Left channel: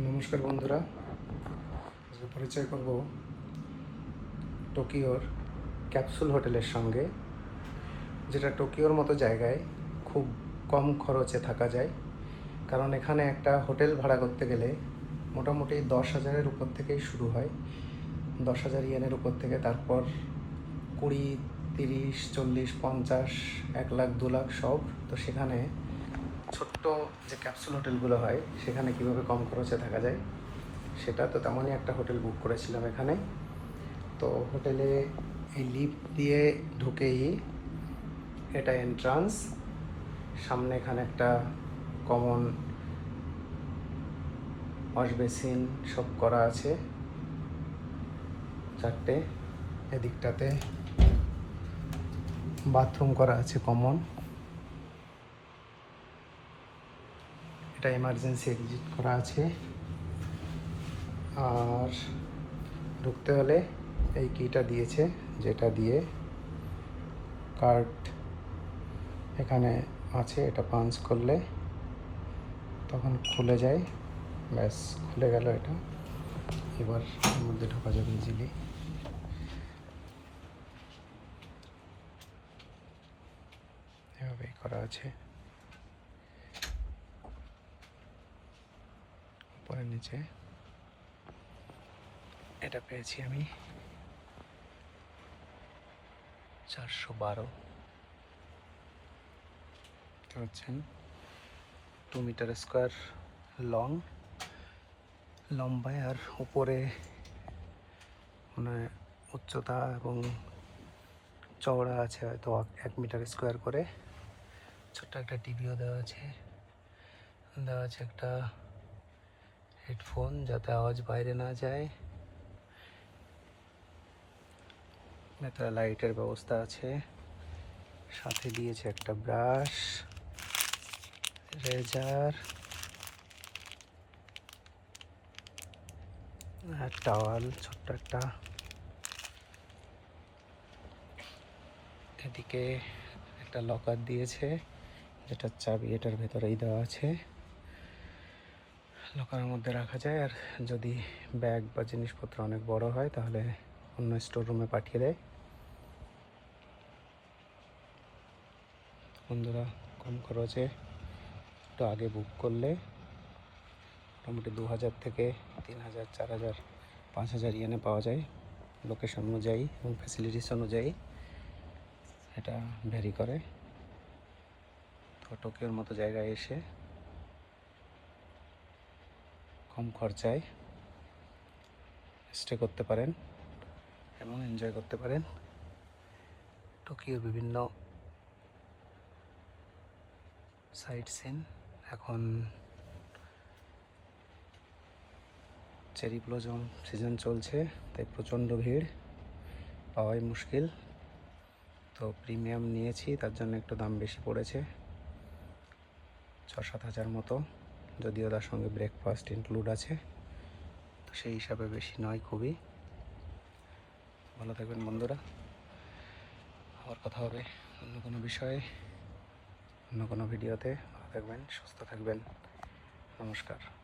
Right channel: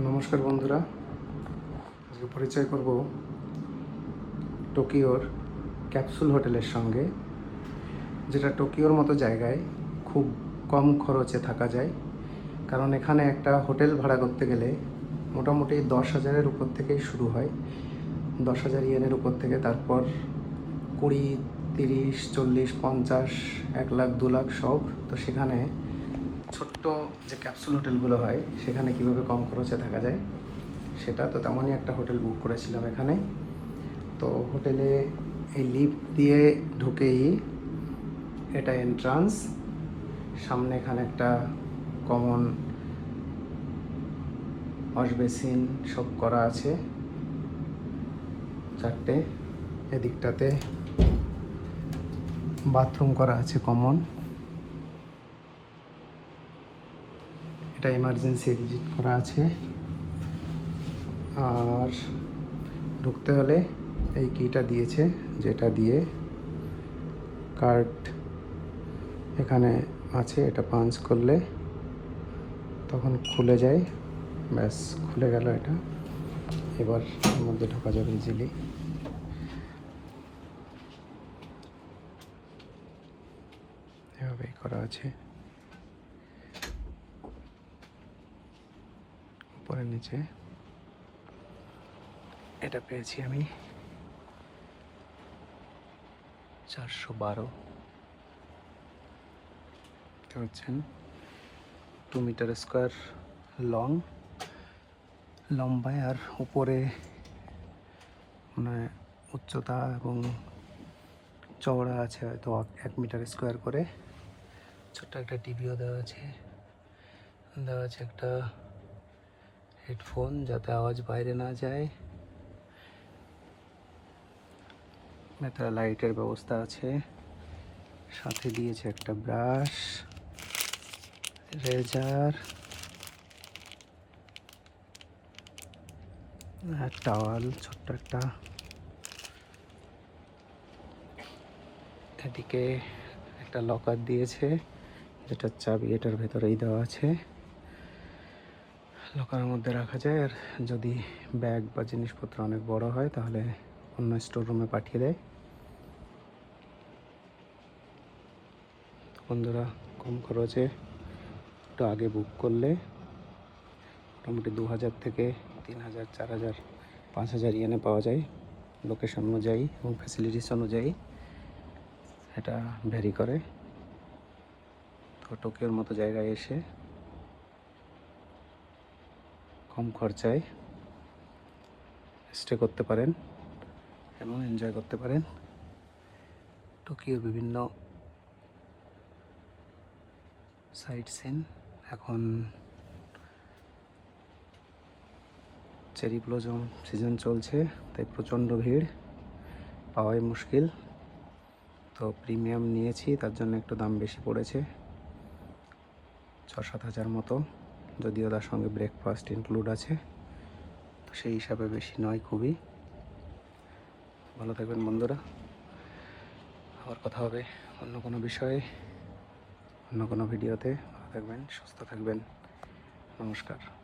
নমস্কার বন্ধুরা। পরিচয় করব টোকিওর ক্যাপসুল হোটেলের সঙ্গে, যেটা টোকিওর মতো জায়গায় খুব কম খরচে থাকা যায়। কারণ এখানে একটা হোটেল ভাড়া করতে গেলে মোটামুটি দশ হাজারের উপর থেকেই শুরু হয়। দশ হাজার ইয়েনের উপর থেকে তারপর কুড়ি, তিরিশ, চল্লিশ, পঞ্চাশ, এক লাখ, দু লাখ সব। তো সেখানে ছোট্ট যে ক্যাপসুল হোটেলগুলো হয়, সেখানে কীভাবে কম খরচে থাকা যায়, সেটা তো তেমনই একটা হোটেল বুক করেছিলাম এখানে তো হোটেলে এই লিফট দিয়ে ঢুকেই এটা এন্ট্রান্স সামনে এখানে একটা কমন ওয়াশ বেসিন সব করা আছে। চারটে, এদিকটাতে বাথরুম করা আছে কমন এটা এমার্জেন্সি এক্সিট করা আছে। আর ঢুকতে হলে এই কিটা দিয়েছে যেটা দিয়ে কার্ড এখানে আছে, এটা পাঞ্চ করলে তখন খুলে যায়। ব্যাস, খুলে গেল এটা। এবার মধ্যে ঢোকা যাবে ইজিলি এভাবে করা আছে। উপরে নিচে এটা পেয়েছি আমি। চারশো বারো। হচ্ছেন টু মিটার স্কোয়ার লং লম্বায় আর উপরে মানে উচ্চতা এবং চওড়া আছে হয়তো এক মিটার স্কোয়ার করে। ছোট্ট একটা টিভিও দেওয়া আছে। দেওয়া আছে একটা হেডফোন যাতে আওয়াজ বাইরে না যায় একটা লাইটের ব্যবস্থা আছে সাথে দিয়েছে একটা ব্রাশ রেজার টাওয়াল ছোট্ট একটা এদিকে একটা লকার দিয়েছে যেটার চাবি এটার ভেতরেই দেওয়া আছে লকারের মধ্যে রাখা যায়, আর যদি ব্যাগ বা জিনিসপত্র অনেক বড় হয়, তাহলে অন্য স্টোর রুমে পাঠিয়ে দেয়। বন্ধুরা, কম খরচে একটু আগে বুক করলে মোটামুটি দু হাজার থেকে তিন হাজার, চার হাজার, পাঁচ হাজার ইয়েনে পাওয়া যায়। লোকেশন অনুযায়ী এবং ফ্যাসিলিটিস অনুযায়ী এটা ভ্যারি করে। তো মতো জায়গায় এসে কম খরচায় স্টে করতে পারেন এবং এনজয় করতে পারেন। টোকিও বিভিন্ন সাইট সিন এখন চেরি ব্লজম সিজন চলছে, তাই প্রচণ্ড ভিড়। পাওয়াই মুশকিল। তো প্রিমিয়াম নিয়েছি, তার জন্য একটু দাম বেশি পড়েছে ছ সাত হাজার মতো। যদিও তার সঙ্গে ব্রেকফাস্ট ইনক্লুড আছে, সেই হিসাবে বেশি নয় খুবই। ভালো থাকবেন বন্ধুরা। আবার কথা হবে অন্য কোনো বিষয়ে, অন্য কোনো ভিডিওতে। থাকবেন, সুস্থ থাকবেন। নমস্কার।